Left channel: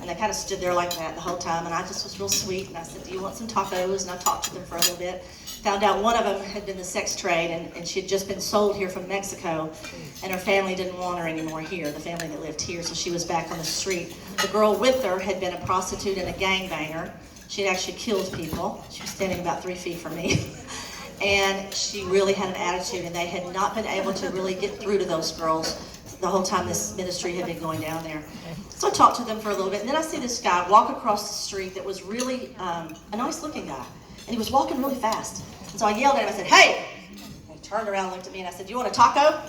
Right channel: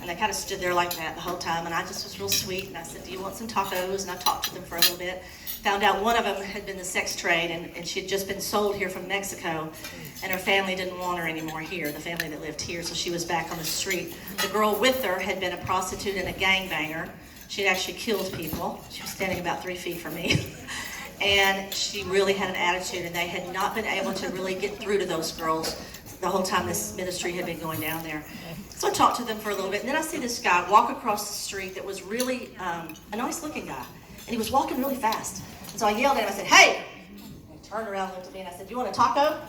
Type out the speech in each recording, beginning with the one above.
And they kind of stood there like that the whole time, and I just was real sweet, and I said, do you want some tacos? And I talked to them for a little bit. Found out one of them had been the sex trade, and she had just been sold here from Mexico, and her family didn't want her anymore here, the family that lived here, so she was back on the street. The girl with her had been a prostitute and a gangbanger. She had actually killed people. She was standing about 3 feet from me. And she really had an attitude, and they had not been able to really get through to those girls the whole time this ministry had been going down there. So I talked to them for a little bit, and then I see this guy walk across the street that was really a nice-looking guy, and he was walking really fast. And so I yelled at him, I said, hey! And he turned around and looked at me, and I said, do you want a taco?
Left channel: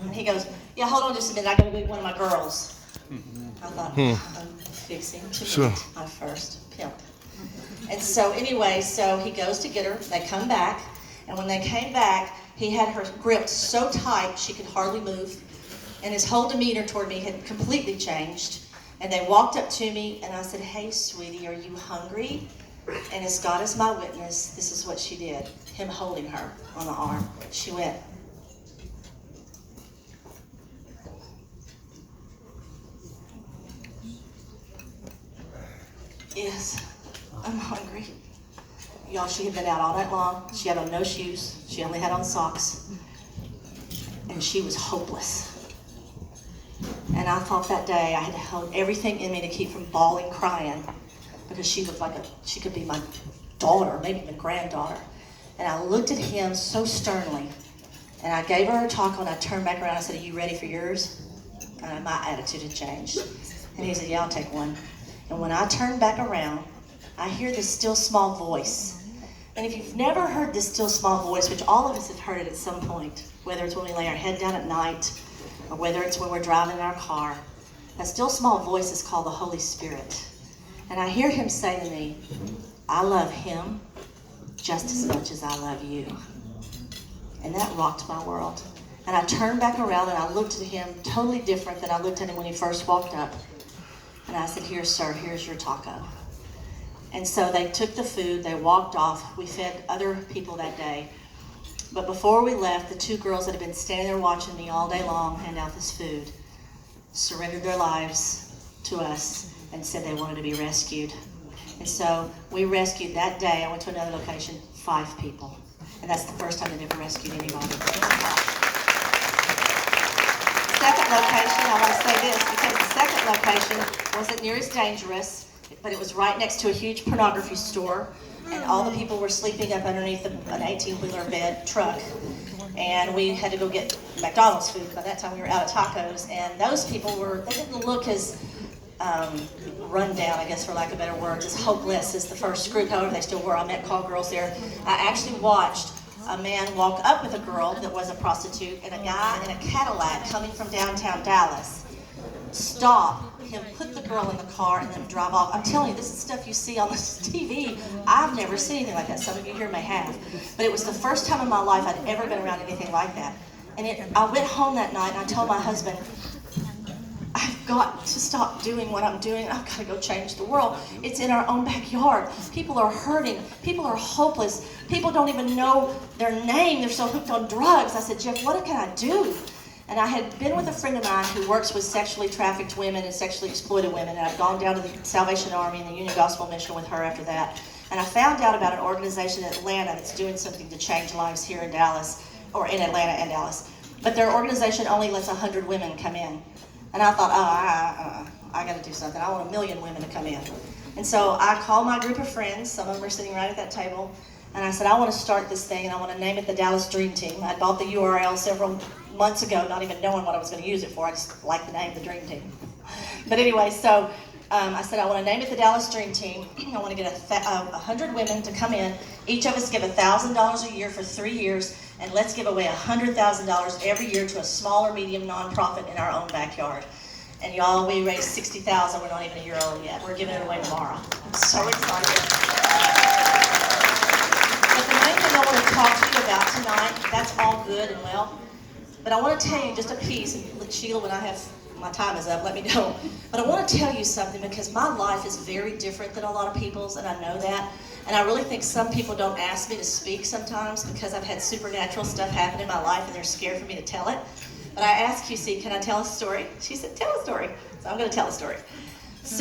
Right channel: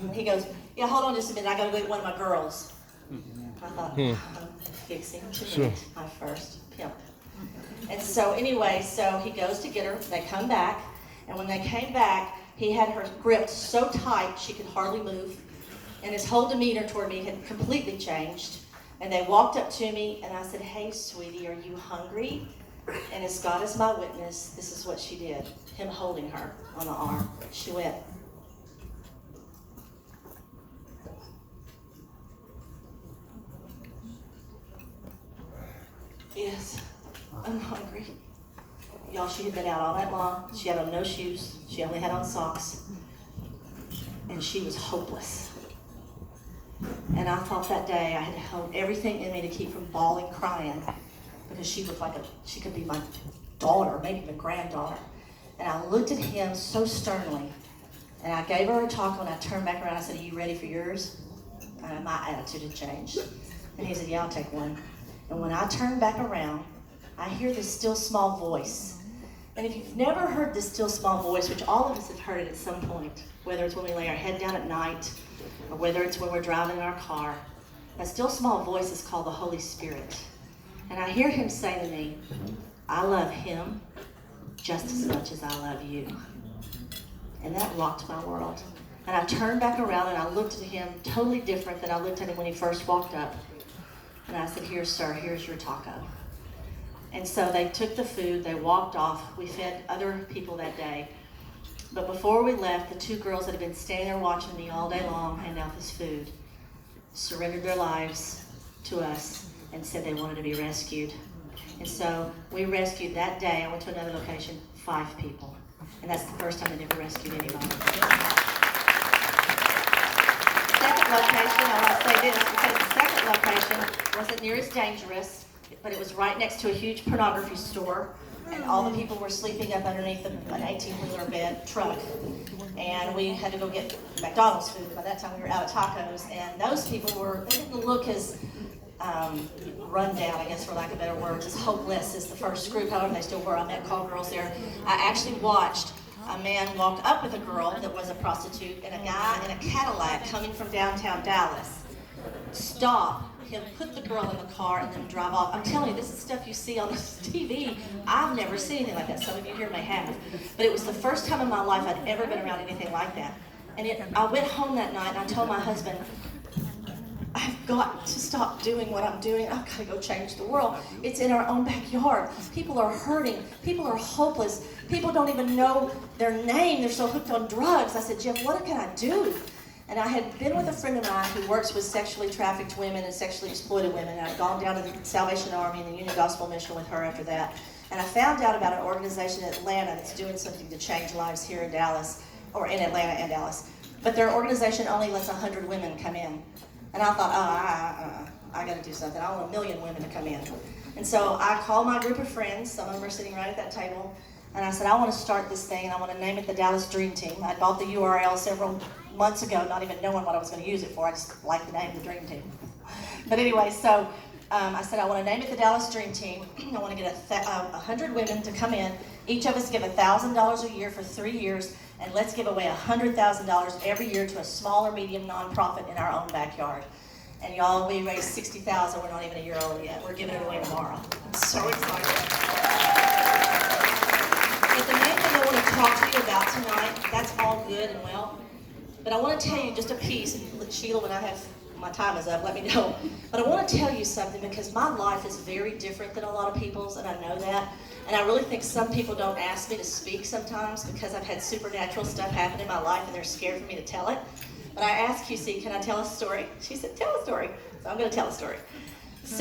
And he goes, yeah, hold on just a minute, I gotta go get one of my girls. I thought, I'm fixing to meet my first pimp. And so anyway, so he goes to get her, they come back, and when they came back, he had her gripped so tight she could hardly move, and his whole demeanor toward me had completely changed. And they walked up to me, and I said, hey, sweetie, are you hungry? And as God is my witness, this is what she did, him holding her on the arm. She went, yes, I'm hungry. Y'all, she had been out all night long. She had on no shoes. She only had on socks. And she was hopeless. And I thought that day I had held everything in me to keep from bawling, crying, because she looked like she could be my daughter, maybe even granddaughter. And I looked at him so sternly, and I gave her a taco, and I turned back around and I said, are you ready for yours? And my attitude had changed. And he said, yeah, I'll take one. And when I turned back around, I hear this still small voice. And if you've never heard this still small voice, which all of us have heard it at some point, whether it's when we lay our head down at night, or whether it's when we're driving our car, that still small voice is called the Holy Spirit. And I hear him say to me, I love him just as much as I love you. And that rocked my world. And I turned back around and I looked at him totally different than I looked at him when he first walked up. And I said, here, sir, here's your taco. And so they took the food, they walked off. We fed other people that day. But before we left, the 2 girls that had been standing there watching me all day long hand out this food surrendered their lives to us and said they wanted to be rescued. And so we rescued that day. I went to another location, 5 people. And that's the first time they ever rescued anybody. Second location, I want to say this, because the second location wasn't near as dangerous, but it was right next to a huge pornography store, and all the people were sleeping up underneath an 18-wheeler bed truck. And we had to go get McDonald's food. By that time, we were out of tacos, and those people they didn't look as run down, I guess, for lack of better words, as hopeless as the first group. However, they still were. I met call girls there. I actually watched a man walk up with a girl that was a prostitute and a guy in a Cadillac coming from downtown Dallas. Stop him, put the girl in the car, and then drive off. I'm telling you, this is stuff you see on this TV. I've never seen anything like that. Some of you here may have. But it was the first time in my life I'd ever been around anything like that. And I went home that night and I told my husband, I've got to stop doing what I'm doing. I've got to go change the world. It's in our own backyard. People are hurting. People are hopeless. People don't even know their name. They're so hooked on drugs. I said, Jeff, what can I do? And I had been with a friend of mine who works with sexually trafficked women and sexually exploited women. And I'd gone down to the Salvation Army and the Union Gospel Mission with her after that. And I found out about an organization in Atlanta that's doing something to change lives here in Dallas, or in Atlanta and Dallas. But their organization only lets 100 women come in. And I thought, I got to do something. I want 1 million women to come in. And so I called my group of friends. Some of them were sitting right at that table. And I said, I want to start this thing, and I want to name it the Dallas Dream Team. I bought the URL several months ago, not even knowing what I was going to use it for. I just liked the name, the Dream Team. But anyway, so I said, I want to name it the Dallas Dream Team. I want to get 100 women to come in. Each of us give $1,000 a year for 3 years, and let's give away $100,000 every year to a small or medium nonprofit in our own backyard. And y'all, we raised $60,000. We're not even a year old yet. We're giving it away tomorrow. I'm so excited. But the main thing I want to talk to you about tonight, that's all good and well, but I want to tell you just a piece, and Sheila, when my time is up, let me know. But I want to tell you something, because my life is very different than a lot of people's, and I know that. And I really think some people don't ask me to speak sometimes because I've had supernatural stuff happen in my life and they're scared for me to tell it. But I asked QC, can I tell a story? She said, tell a story. So I'm going to tell a story.